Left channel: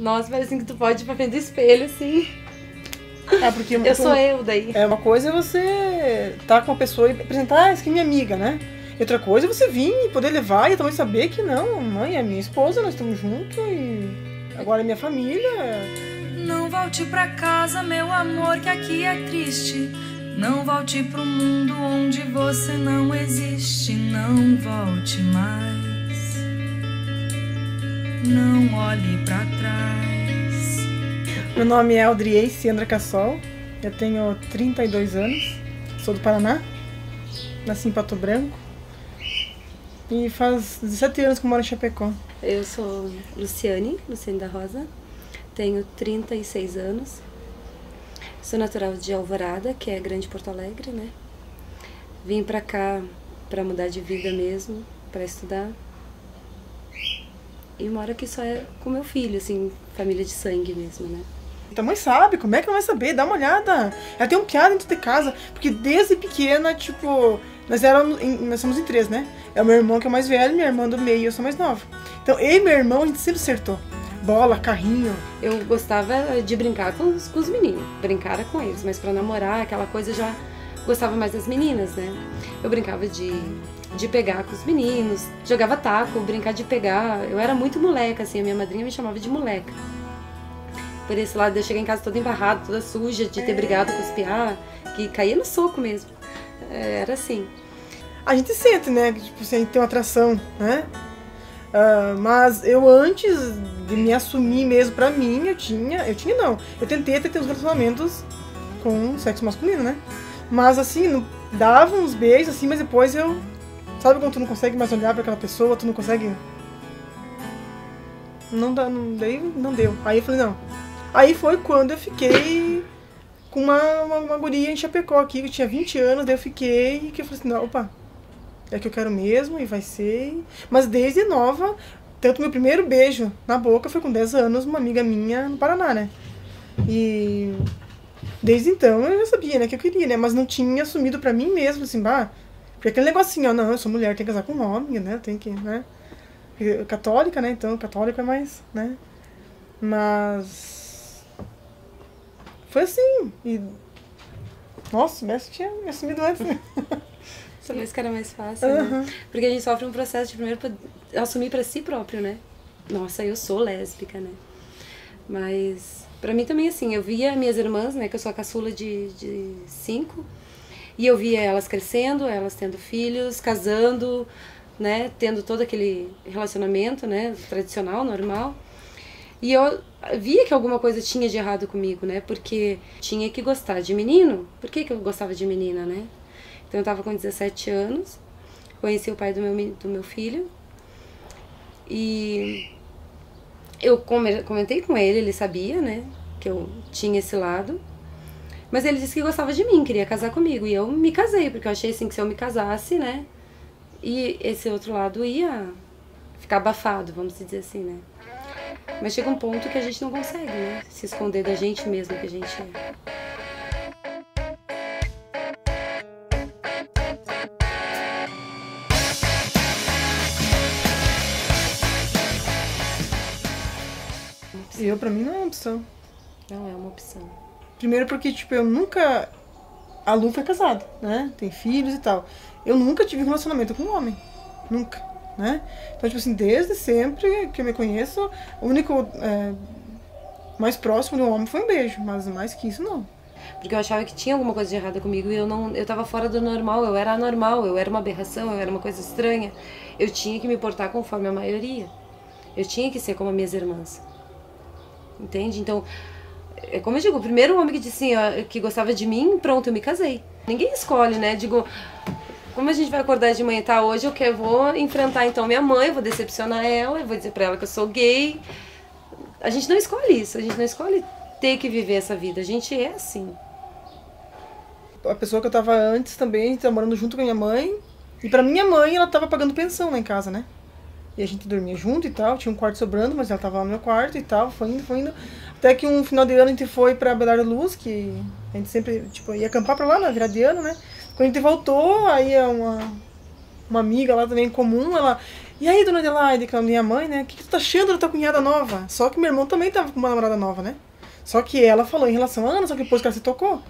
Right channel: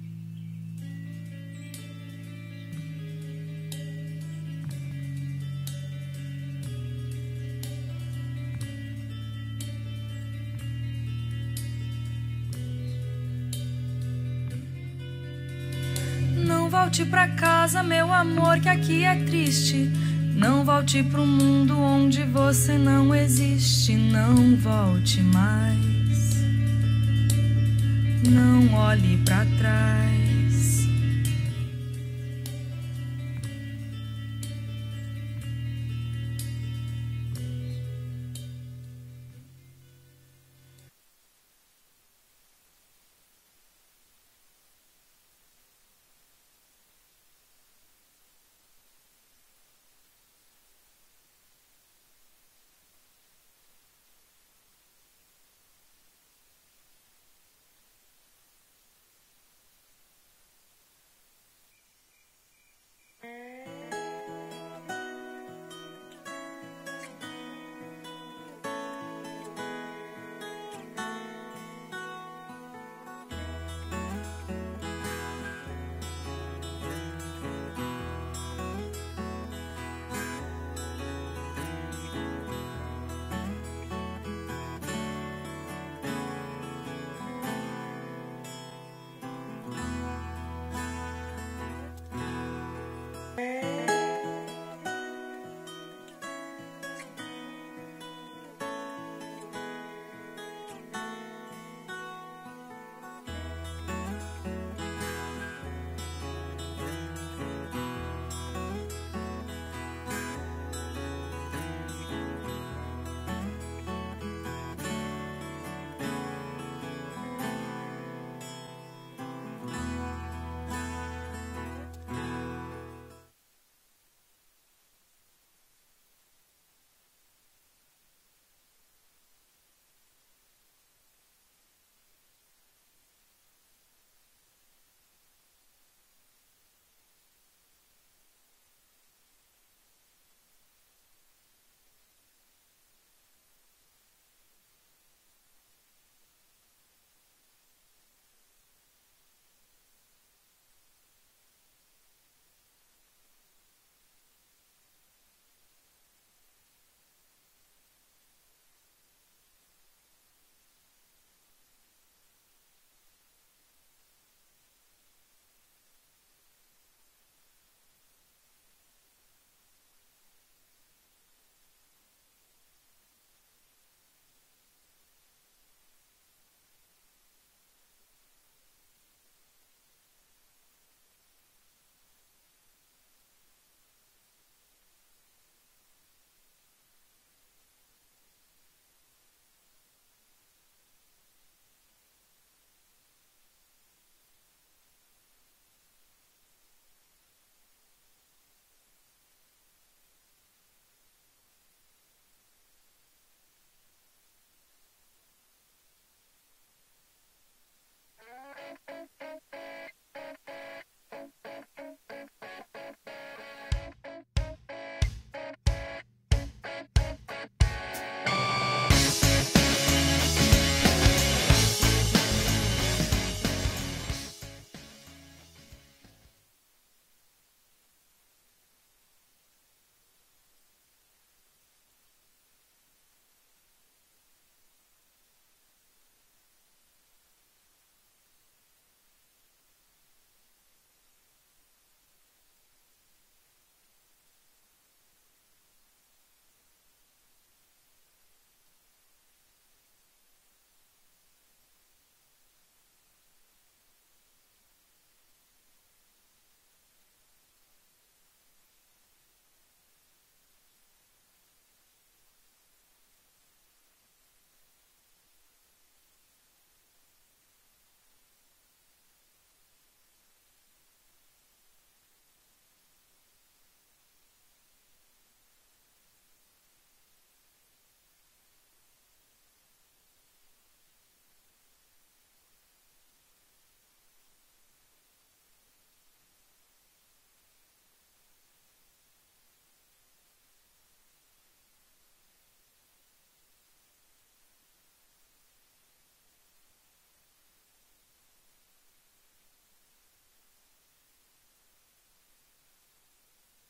Nossa, parece que tu pode ir pra frente do espelho, assim. Porque Eu sou eu daí. Uma coisa é você estar com a pessoa e apresentar, essa aqui é minha amiga, né? E outra coisa é você vir e poder levar e também saber que não, mãe é minha esposa, nós estamos juntos e agora é minha família. Não volte pra casa, meu amor, que aqui é triste. Não volte pro mundo onde você não existe. Não volte mais. Não olhe pra trás. Meu nome é Audriei Ciandra Cassol, eu tenho 32 anos, sou do Paraná, nasci em Pato Branco e faz 17 anos que eu moro em Chapecó. Eu sou Luciane da Rosa, tenho 36 anos, sou natural de Alvorada, que é Grande Porto Alegre, né? Vim pra cá pra mudar de vida mesmo, pra estudar. E moro aqui só com meu filho, assim, família de sangue mesmo, né? Tua mãe sabe, como é que ela vai saber? Dá uma olhada. Ela tem um piada dentro de casa, porque desde pequena, tipo, nós somos em 3, né? É o meu irmão que é mais velho, minha irmã do meio e eu sou mais nova. Então eu e meu irmão, a gente sempre acertou. Bola, carrinho. Eu gostava de brincar com os meninos, brincar com eles, mas pra namorar, aquela coisa, eu já gostava mais das meninas, né? Eu brincava de pegar com os meninos, jogava taco, brincar de pegar. Eu era muito moleca, assim, a minha madrinha me chamava de moleca. Por esse lado, eu cheguei em casa toda embarrada, toda suja, de ter brigado com os piá, que caía no soco mesmo. Era assim. A gente sente, né, que tipo, a gente tem uma atração, né? Mas eu antes de me assumir mesmo pra mim, eu tentei ter uns relacionamentos com sexo masculino, né? Mas assim, dava uns beijos assim, mas depois sabe quando tu não consegue mais olhar pra aquela pessoa, tu não consegue... Não deu. Aí eu falei, não. Aí foi quando eu fiquei com uma guria em Chapecó aqui, que tinha 20 anos, daí eu fiquei e que eu falei assim, não, opa, é que eu quero mesmo e vai ser. Mas desde nova, tanto meu primeiro beijo na boca foi com 10 anos, uma amiga minha no Paraná, né? E desde então eu já sabia, né, que eu queria, né? Mas não tinha assumido pra mim mesmo, assim, porque aquele negocinho, ó, não, eu sou mulher, tenho que casar com um homem, né? Tem que, né? Católica, né? Então, católico é mais, né? Mas foi assim. E nossa, o mestre tinha me assumido antes, né? Talvez que era mais fácil, né? Porque a gente sofre um processo de primeiro assumir pra si próprio, né? Nossa, eu sou lésbica, né? Mas pra mim também, assim, eu via minhas irmãs, né? Que eu sou a caçula de 5. E eu via elas crescendo, elas tendo filhos, casando, né? Tendo todo aquele relacionamento, né? Tradicional, normal. E eu via que alguma coisa tinha de errado comigo, né? Porque tinha que gostar de menino. Por que eu gostava de menina, né? Então eu tava com 17 anos, conheci o pai do meu filho. E eu comentei com ele sabia, né? Que eu tinha esse lado. Mas ele disse que gostava de mim, queria casar comigo. E eu me casei, porque eu achei assim que se eu me casasse, né? E esse outro lado ia ficar abafado, vamos dizer assim, né? Mas chega um ponto que a gente não consegue, né? Se esconder da gente mesmo que a gente é. Pra mim não é uma opção. Não é uma opção. Primeiro porque, tipo, eu nunca... A Lu foi casada, né? Tem filhos e tal. Eu nunca tive um relacionamento com um homem. Nunca, né? Então, tipo assim, desde sempre que eu me conheço, o único mais próximo de um homem foi um beijo. Mas mais que isso, não. Porque eu achava que tinha alguma coisa de errada comigo e eu tava fora do normal, eu era anormal, eu era uma aberração, eu era uma coisa estranha. Eu tinha que me portar conforme a maioria. Eu tinha que ser como as minhas irmãs. Entende? Então, é como eu digo, o primeiro homem que disse assim, que gostava de mim, pronto, eu me casei. Ninguém escolhe, né? Digo, como a gente vai acordar de manhã, tá? Hoje eu vou enfrentar então minha mãe, vou decepcionar ela, eu vou dizer pra ela que eu sou gay. A gente não escolhe isso, a gente não escolhe ter que viver essa vida, a gente é assim. A pessoa que eu tava antes também, tava morando junto com a minha mãe, e pra minha mãe ela tava pagando pensão lá em casa, né? E a gente dormia junto e tal, tinha um quarto sobrando, mas ela tava lá no meu quarto e tal, foi indo. Até que um final de ano a gente foi pra Belar da Luz, que a gente sempre, tipo, ia acampar pra lá na virada de ano, né? Quando a gente voltou, aí uma amiga lá também em comum, E aí, dona Adelaide, que é a minha mãe, né? O que tu tá achando da tua cunhada nova? Só que meu irmão também tava com uma namorada nova, né? Só que ela falou em relação a Ana, só que depois que ela se tocou.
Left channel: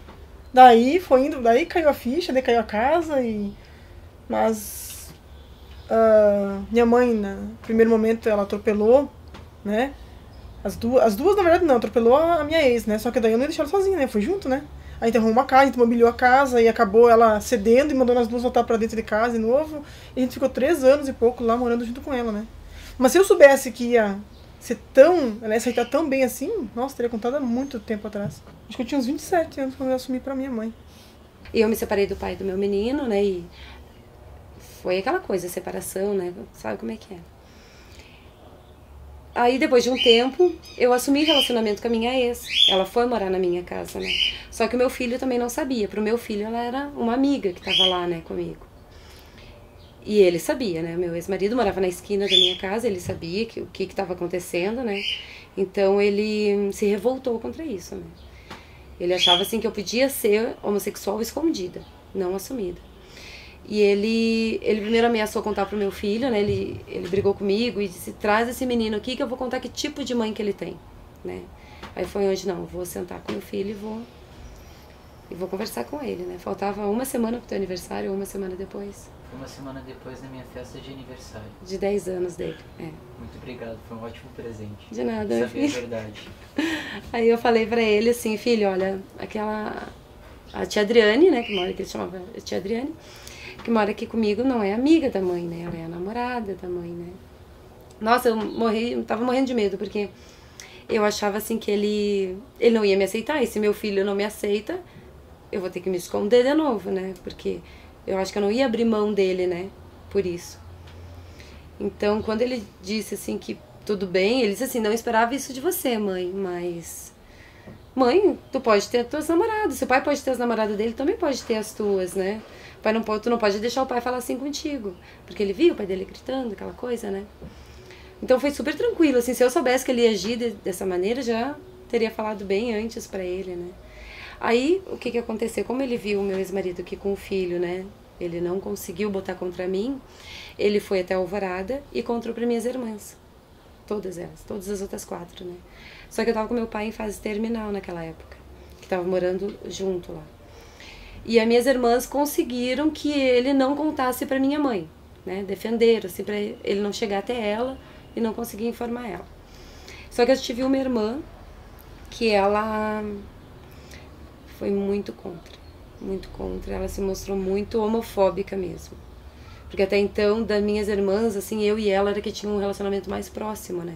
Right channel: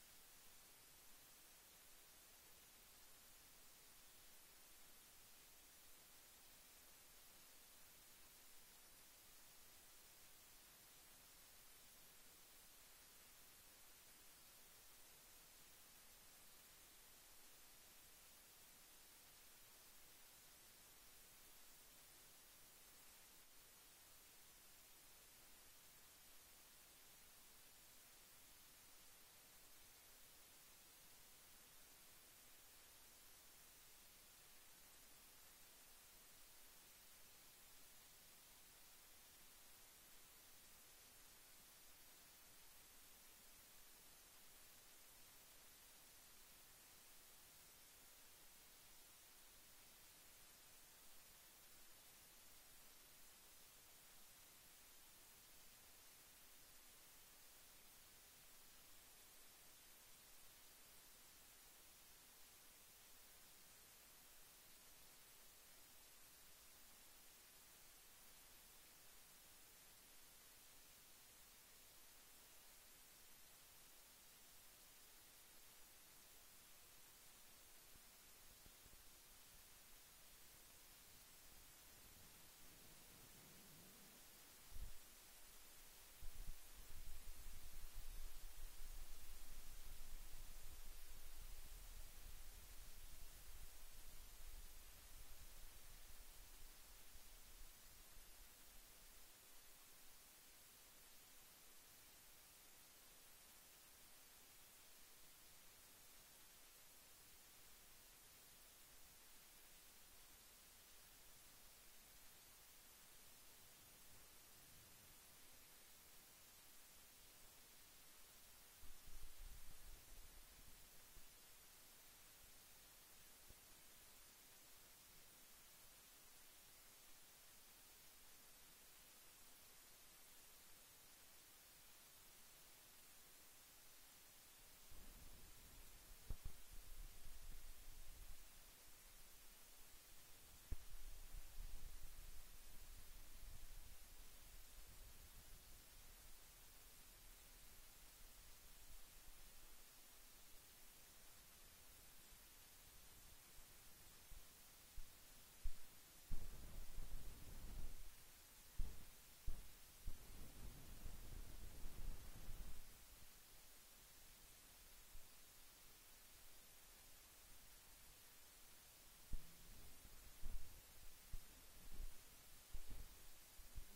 Daí foi indo, daí caiu a ficha, daí caiu a casa e... Mas... minha mãe, no primeiro momento, ela atropelou, né? As duas, na verdade, não, atropelou a minha ex, né? Só que daí eu não ia deixar ela sozinha, né? Fui junto, né? Aí enterrou uma casa, a gente mobiliou a casa e acabou ela cedendo e mandando as duas voltar pra dentro de casa de novo. E a gente ficou 3 anos e pouco lá morando junto com ela, né? Mas se eu soubesse que ia ser tão... Ela ia aceitar tão bem assim, nossa, teria contado há muito tempo atrás. Acho que eu tinha uns 27 anos quando eu assumi pra minha mãe. E eu me separei do pai do meu menino, né? E foi aquela coisa, separação, né? Sabe como é que é. Aí, depois de um tempo, eu assumi relacionamento com a minha ex. Ela foi morar na minha casa, né? Só que o meu filho também não sabia. Pro meu filho, ela era uma amiga que tava lá, né, comigo. E ele sabia, né? Meu ex-marido morava na esquina da minha casa, ele sabia o que estava acontecendo, né? Então, ele se revoltou contra isso, né? Ele achava, assim, que eu podia ser homossexual escondida, não assumida. E ele primeiro ameaçou contar pro meu filho, né? Ele brigou comigo e disse, traz esse menino aqui que eu vou contar que tipo de mãe que ele tem, né? Aí foi onde, não, vou sentar com meu filho e vou conversar com ele, né? Faltava uma semana pro teu aniversário, ou uma semana depois. Foi uma semana depois da minha festa de aniversário. De 10 anos dele, é. Muito obrigado, foi um ótimo presente. De nada, meu filho. filho. Saber a verdade. Aí eu falei pra ele assim, filho, olha, a tia Adriane, né, que ele chamava a tia Adriane, que mora aqui comigo, não é amiga da mãe, né? Ela é a namorada da mãe, né? Nossa, eu tava morrendo de medo, porque eu achava assim que ele não ia me aceitar, e se meu filho não me aceita, eu vou ter que me esconder de novo, né? Porque eu acho que eu não ia abrir mão dele, né? Por isso. Então, quando ele disse assim que tudo bem, ele disse assim, não esperava isso de você, mãe, mas... Mãe, tu pode ter as tuas namoradas, seu pai pode ter as namoradas dele, também pode ter as tuas, né? Pai não pode, tu não pode deixar o pai falar assim contigo, porque ele viu o pai dele gritando, aquela coisa, né? Então foi super tranquilo, assim, se eu soubesse que ele ia agir dessa maneira, já teria falado bem antes pra ele, né? Aí, o que aconteceu? Como ele viu o meu ex-marido aqui com o filho, né? Ele não conseguiu botar contra mim, ele foi até a Alvorada e contou pra minhas irmãs. Todas elas, todas as outras 4, né? Só que eu tava com meu pai em fase terminal naquela época, que tava morando junto lá. E as minhas irmãs conseguiram que ele não contasse pra minha mãe, né? Defenderam, assim, pra ele não chegar até ela e não conseguir informar ela. Só que eu tive uma irmã que ela foi muito contra. Ela se mostrou muito homofóbica mesmo. Porque até então, das minhas irmãs, assim, eu e ela era que tinha um relacionamento mais próximo, né?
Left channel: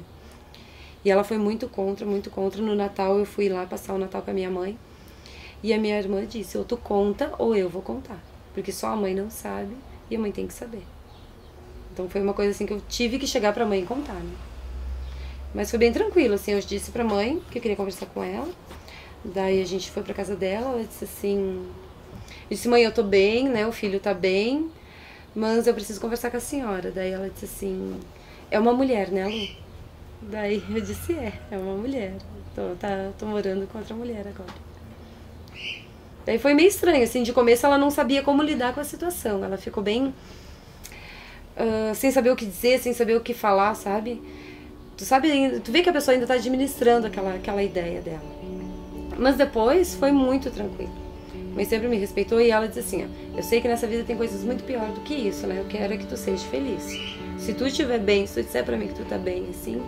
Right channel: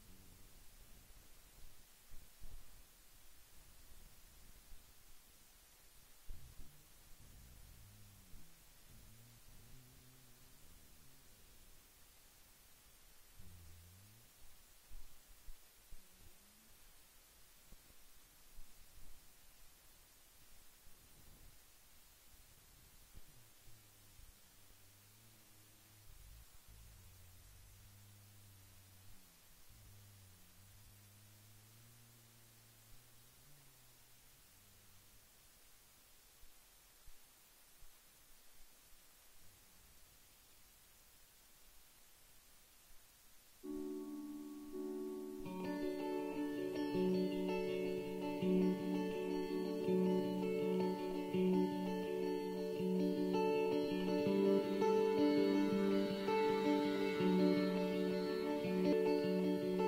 E ela foi muito contra, muito contra. No Natal, eu fui lá passar o Natal com a minha mãe. E a minha irmã disse, ou tu conta ou eu vou contar. Porque só a mãe não sabe e a mãe tem que saber. Então foi uma coisa assim que eu tive que chegar pra mãe e contar, né? Mas foi bem tranquilo, assim, eu disse pra mãe que eu queria conversar com ela. Daí a gente foi pra casa dela, ela disse assim... Eu disse, mãe, eu tô bem, né, o filho tá bem, mas eu preciso conversar com a senhora. Daí ela disse assim, é uma mulher, né, Lu? Daí eu disse, é uma mulher. Tô morando com outra mulher agora. Daí foi meio estranho, assim, de começo ela não sabia como lidar com a situação. Ela ficou bem... sem saber o que dizer, sem saber o que falar, sabe? Tu vê que a pessoa ainda tá administrando aquela ideia dela. Mas depois foi muito tranquilo. Mas sempre me respeitou e ela disse assim, ó, eu sei que nessa vida tem coisas muito piores do que isso, né? Eu quero é que tu seja feliz. Se tu estiver bem, se tu disser pra mim que tu tá bem, assim,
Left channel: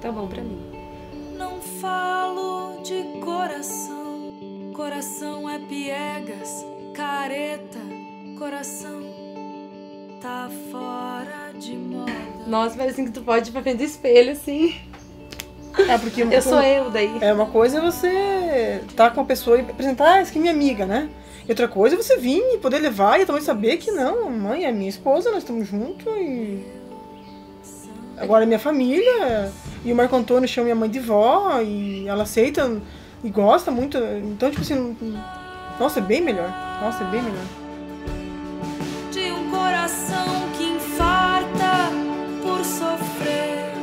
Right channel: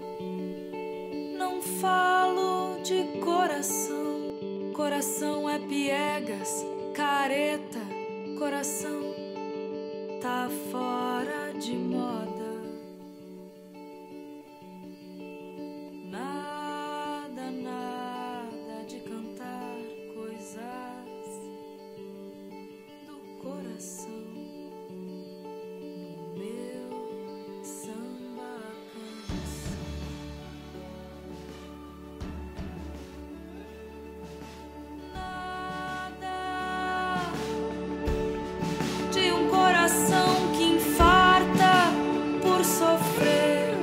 tá bom pra mim. Não falo de coração. Coração é piegas, careta. Coração tá fora de moda. Nossa, parece assim que tu pode ir pra frente do espelho, assim. É porque eu sou eu, daí. É uma coisa é você tá com a pessoa e apresentar, isso aqui é minha amiga, né? E outra coisa é você vir e poder levar e também saber que não, mãe é minha esposa, nós estamos juntos e... Agora é minha família, e o Marco Antônio chama minha mãe de vó, e ela aceita e gosta muito, então tipo assim, nossa, é bem melhor, nossa, é bem melhor. De um coração que infarta por sofrer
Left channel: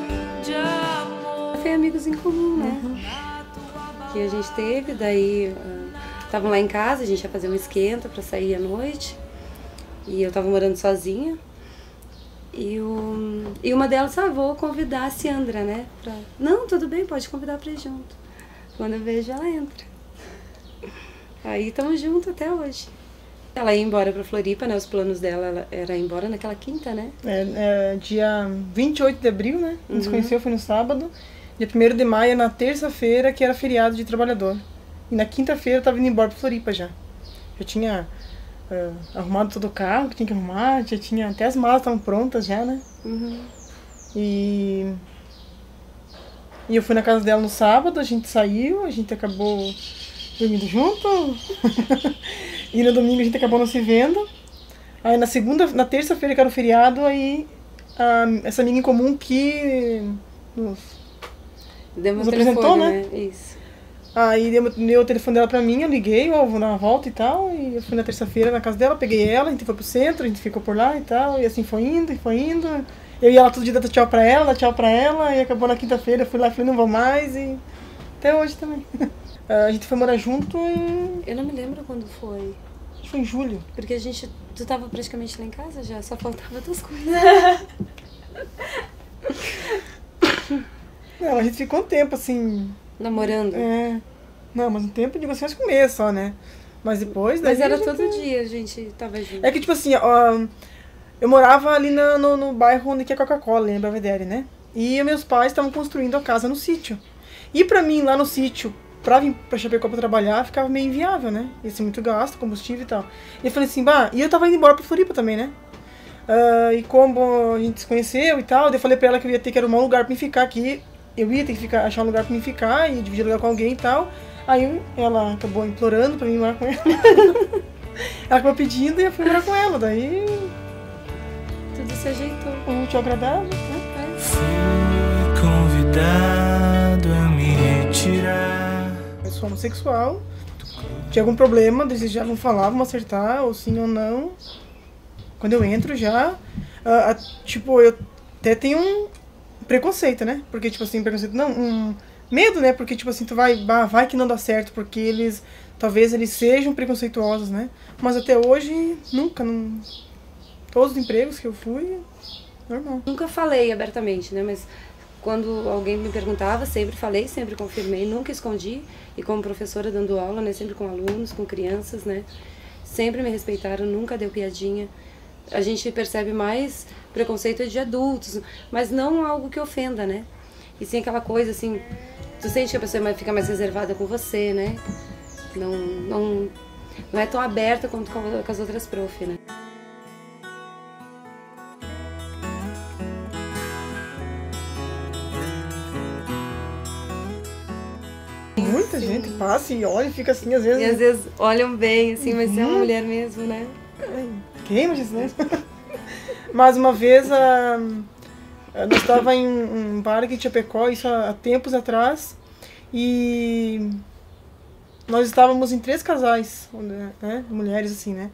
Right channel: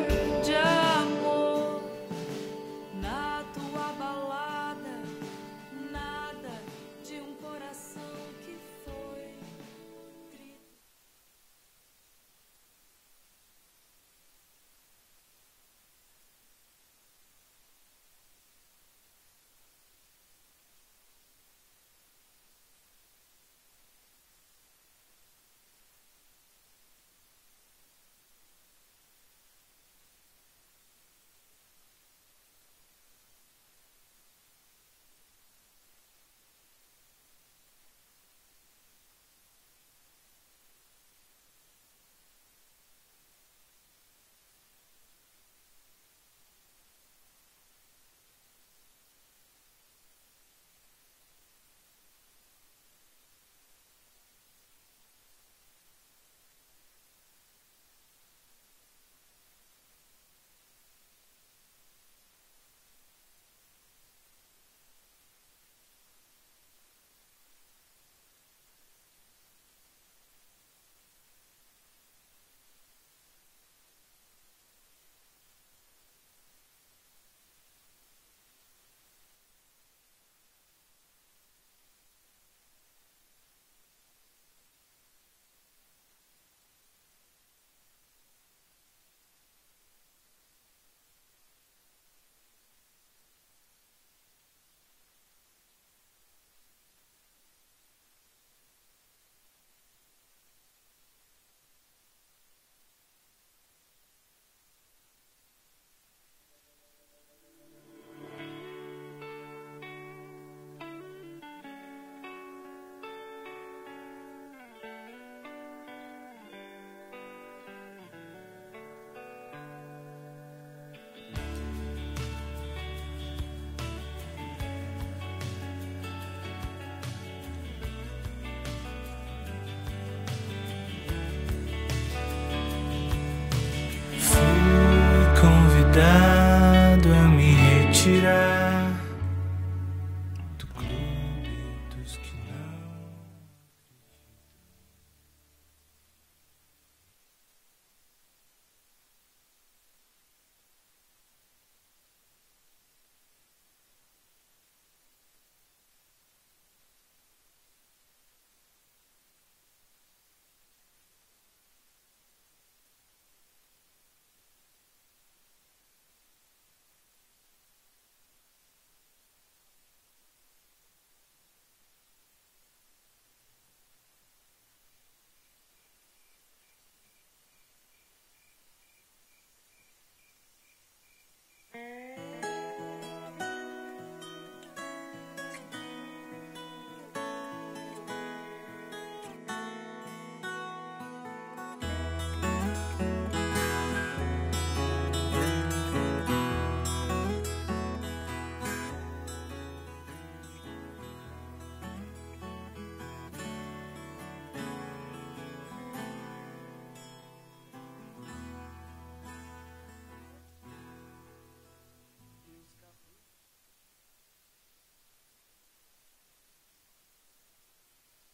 de amor. Foi amigos em comum, né? Que a gente teve, daí estavam lá em casa, a gente ia fazer um esquenta pra sair à noite. E eu tava morando sozinha. E uma delas, vou convidar a Ciandra, né? Não, tudo bem, pode convidar pra ir junto. Quando eu vejo, ela entra. Aí estamos juntos até hoje. Ela ia embora pra Floripa, né? Os planos dela era ir embora naquela quinta, né? Dia 28 de abril, né? A gente se conheceu, foi no sábado. Dia 1º de maio, na terça-feira, que era feriado de trabalhador. E na quinta-feira eu tava indo embora pra Floripa já. Eu tinha arrumado todo o carro que tinha que arrumar, já tinha, até as malas estavam prontas já, né? E eu fui na casa dela no sábado, a gente saiu, a gente acabou dormindo junto. E no domingo a gente acabou não se vendo. Aí na terça-feira, que era o feriado, aí essa amiga em comum que nos apresentou, né? Isso. Aí deu o telefone dela pra mim, eu liguei, vou dar uma volta e tal. E eu fui na terça-feira na casa dela, peguei ela, a gente foi pro centro, a gente ficou por lá e tal. E assim foi indo, e foi indo. Eu ia lá todo dia dar tchau pra ela, e acabou na quinta-feira, eu fui lá e falei, não vou mais, e até hoje também. A gente foi morar junto em... Eu não me lembro quando foi. Acho que foi em julho. Porque tu tava praticamente lá em casa já, só faltava tuas coisas. Não, a gente ficou um tempo assim... Namorando? Não, mas um tempo, digo assim, acho que um mês só, né? Mas depois... Mas era todo dia a gente tava junto. É que tipo assim, eu morava ali no bairro onde que é Coca-Cola, em Belvedere, né? E meus pais estavam construindo a casa no sítio. E pra mim, lá no sítio, pra vir pra Chapecó pra trabalhar, ficava meio inviável, né? Ia ser muito gasto, combustível e tal. E eu falei assim, e eu tava indo embora pra Floripa também, né? E como a gente se conheceu e tal, eu falei pra ela que eu ia ter que arrumar um lugar pra mim ficar aqui. Eu ia ter que achar um lugar pra mim ficar e dividir lugar com alguém e tal. Aí ela acabou implorando pra mim morar com ela. Ela acabou pedindo e eu fui morar com ela. Daí... tudo se ajeitou. Muito agradável, né? Fui convidado a me retirar. Eu sou homossexual. Tinha algum problema, eles já vão falar, vão acertar, ou sim ou não. Quando eu entro já, tipo, eu até tenho um preconceito, né? Porque, tipo assim, preconceito, não, medo, né? Porque, tipo assim, tu vai que não dá certo, porque talvez eles sejam preconceituosos, né? Mas até hoje, nunca, todos os empregos que eu fui, normal. Nunca falei abertamente, né? Mas quando alguém me perguntava, sempre falei, sempre confirmei, nunca escondi. E como professora dando aula, né? Sempre com alunos, com crianças, né? Sempre me respeitaram, nunca deu piadinha. A gente percebe mais preconceito de adultos, mas não algo que ofenda, né? E sim aquela coisa assim, tu sente que a pessoa fica mais reservada com você, né? Não é tão aberta quanto com as outras prof, né? Muita gente passa e olha e fica assim, às vezes... E às vezes olham bem, assim, mas é uma mulher mesmo, né? Queima isso, né? Mas uma vez, nós estávamos em um bar aqui em Chapecó, isso há tempos atrás, e nós estávamos em 3 casais, né? Mulheres assim, né?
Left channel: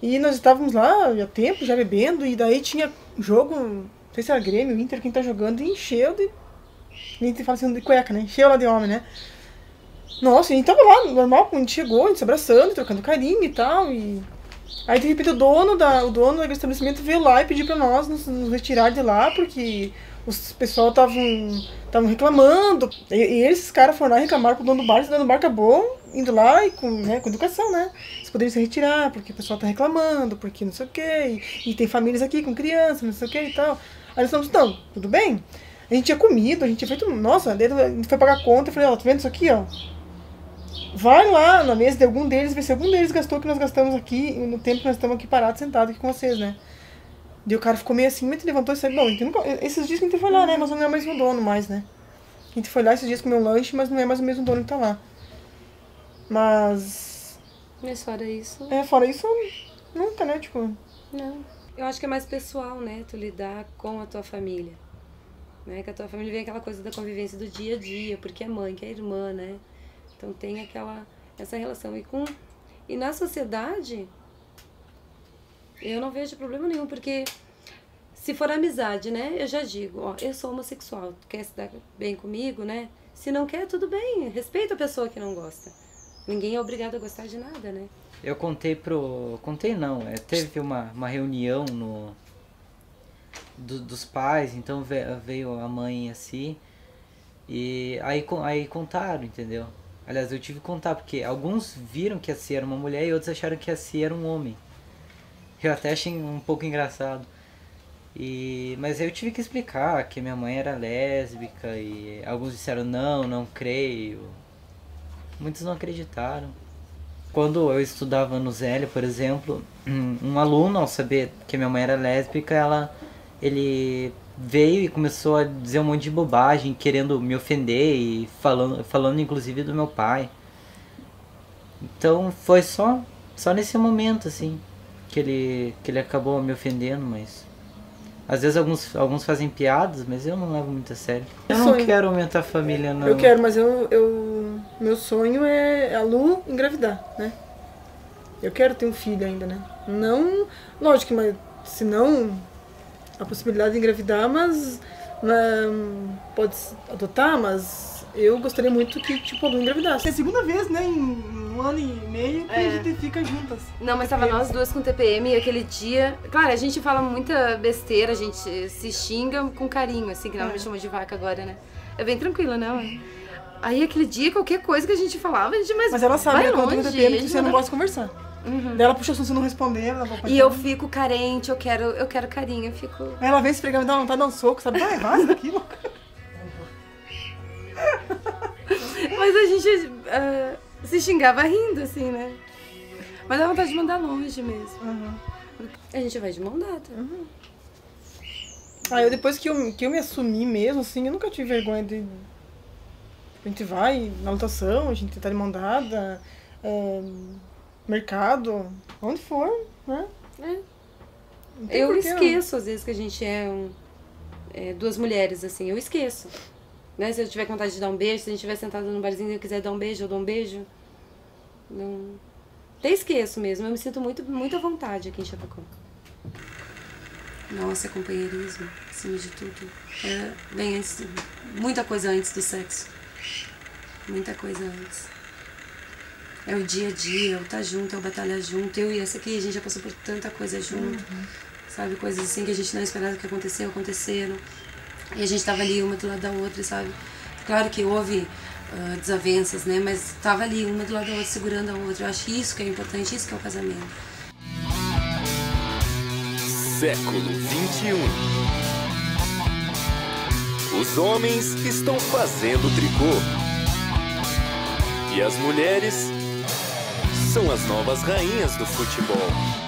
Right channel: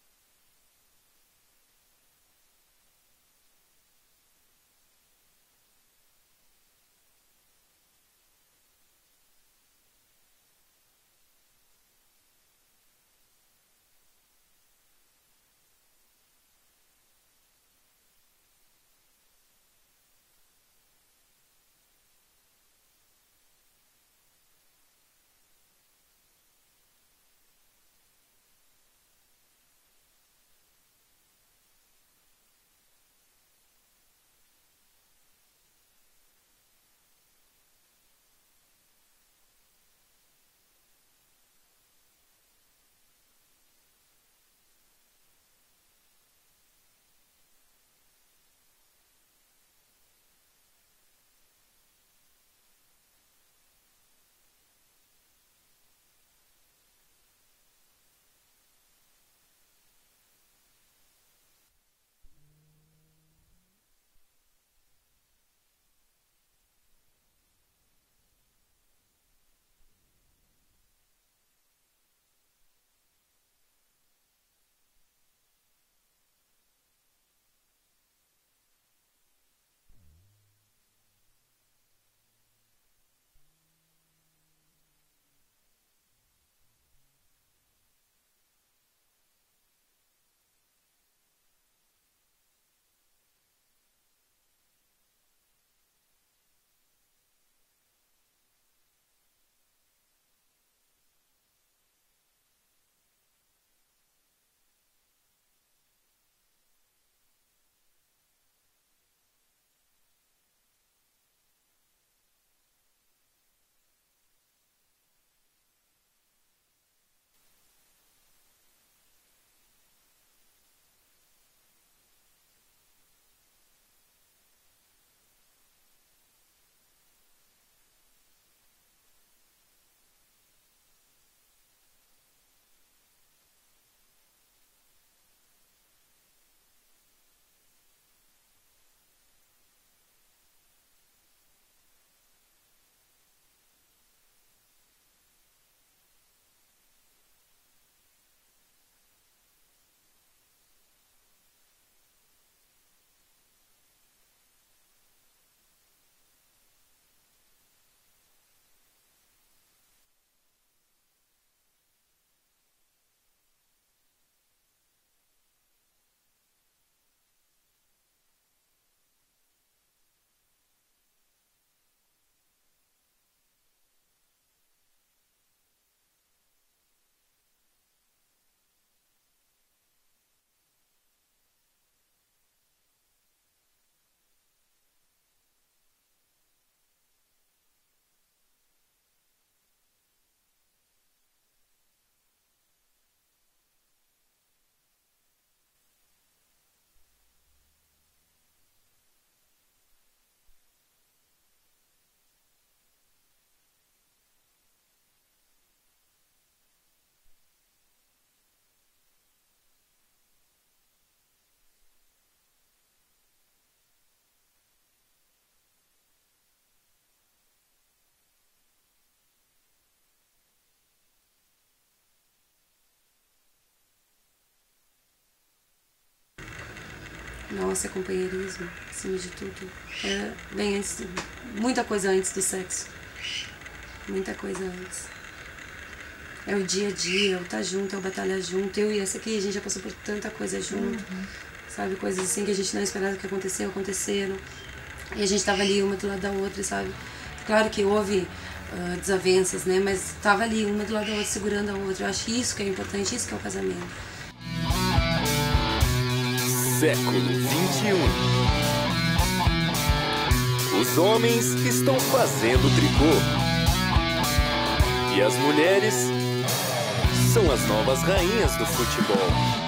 E nós estávamos lá há tempo, já bebendo, e daí tinha jogo, não sei se era Grêmio, Inter, quem tá jogando, e encheu de... A gente fala assim, de cueca, né? Encheu lá de homem, né? Nossa, e a gente tava lá, normal, quando a gente chegou, a gente se abraçando, trocando carinho e tal, e... Aí, de repente, o dono do estabelecimento veio lá e pediu pra nós nos retirar de lá, porque os pessoal estavam reclamando. E esses caras foram lá e reclamaram pro dono do bar, e o dono do bar acabou indo lá e com educação, né? Vocês poderiam se retirar, porque o pessoal tá reclamando, porque não sei o quê, e tem famílias aqui com crianças, não sei o quê e tal. Aí nós falamos, não, tudo bem. A gente tinha comido, a gente tinha feito... Nossa, a gente foi pagar a conta, eu falei, ó, tá vendo isso aqui, ó? Vai lá na mesa de algum deles, vê se algum deles gastou o que nós gastamos aqui, no tempo que nós estamos aqui parados, sentados aqui com vocês, né? E o cara ficou meio assim, mas levantou e saiu. Bom, esses dias que a gente foi lá, né? Mas não é o mesmo dono mais, né? A gente foi lá esses dias comer um lanche, mas não é mais o mesmo dono que tá lá. Mas fora isso... fora isso, nunca, né? Tipo... Não. Eu acho que é mais pessoal, né? Tu lidar com a tua família. Né? Que a tua família vem aquela coisa da convivência do dia a dia, porque é mãe, que é irmã, né? Então tem essa relação. E na sociedade, eu não vejo problema nenhum, porque se for amizade, né? Eu já digo, ó, eu sou homossexual, tu quer se dar bem comigo, né? Se não quer, tudo bem, respeita a pessoa que não gosta. Ninguém é obrigado a gostar de nada, né? Eu contei não, teve uma reunião dos pais, então veio a mãe assim, e aí contaram, entendeu? Aliás, eu tive que contar, porque alguns viram que a Cia era uma mulher e outros acharam que a Cia era um homem. Eu até achei um pouco engraçado. Mas eu tive que explicar que minha mãe era lésbica e alguns disseram não creio. Muitos não acreditaram. Quando eu estudava no Zélio, por exemplo, um aluno, ao saber que minha mãe era lésbica, ele veio e começou a dizer um monte de bobagem, querendo me ofender e falando inclusive do meu pai. Então foi só nesse momento, assim, que ele acabou me ofendendo, mas... Às vezes alguns fazem piadas, mas eu não levo muito a sério. Eu não quero aumentar a família, não. Eu quero, mas meu sonho é a Lu engravidar, né? Eu quero ter um filho ainda, né? Não, lógico, mas se não a possibilidade de engravidar, mas pode adotar, mas eu gostaria muito que, tipo, a Lu engravidasse. É a segunda vez, né, em 1 ano e meio que a gente fica juntas. Não, mas tava nós duas com TPM e aquele dia... Claro, a gente fala muita besteira, a gente se xinga com carinho, assim, que ela me chamou de vaca agora, né? É bem tranquila, né? Aí aquele dia, qualquer coisa que a gente falava, a gente... Mas ela sabe que quando tem TPM que você não gosta de conversar. Daí ela puxa assunto, você não responder, ela vai e eu fico carente, eu quero carinho, eu fico... Aí ela vem se esfregar, me dá vontade de dar um soco, sabe? Vai daqui, louca. Mas a gente se xingava rindo, assim, né? Mas dá vontade de mandar longe mesmo. A gente vai de mão dada. Eu depois que eu me assumi mesmo, assim, eu nunca tive vergonha de... A gente vai na lotação, a gente tá de mão dada, mercado, onde for, né? Eu esqueço, às vezes, que a gente é duas mulheres, assim, eu esqueço. Né? Se eu tiver vontade de dar um beijo, se a gente estiver sentado no barzinho e eu quiser dar um beijo, eu dou um beijo. Não... Até esqueço mesmo, eu me sinto muito à vontade aqui em Chapecó. Nossa, companheirismo, acima de tudo. Vem antes, muita coisa antes do sexo. Muita coisa antes. É o dia a dia, é o estar junto, é o batalhar junto. Eu e essa aqui, a gente já passou por tanta coisa junto. Sabe, coisas assim que a gente não esperava que aconteceram. E a gente tava ali uma do lado da outra, sabe? Claro que houve desavenças, né? Mas tava ali uma do lado da outra, segurando a outra. Eu acho isso que é importante, isso que é o casamento. Século XXI. Os homens estão fazendo tricô. E as mulheres são as novas rainhas do futebol.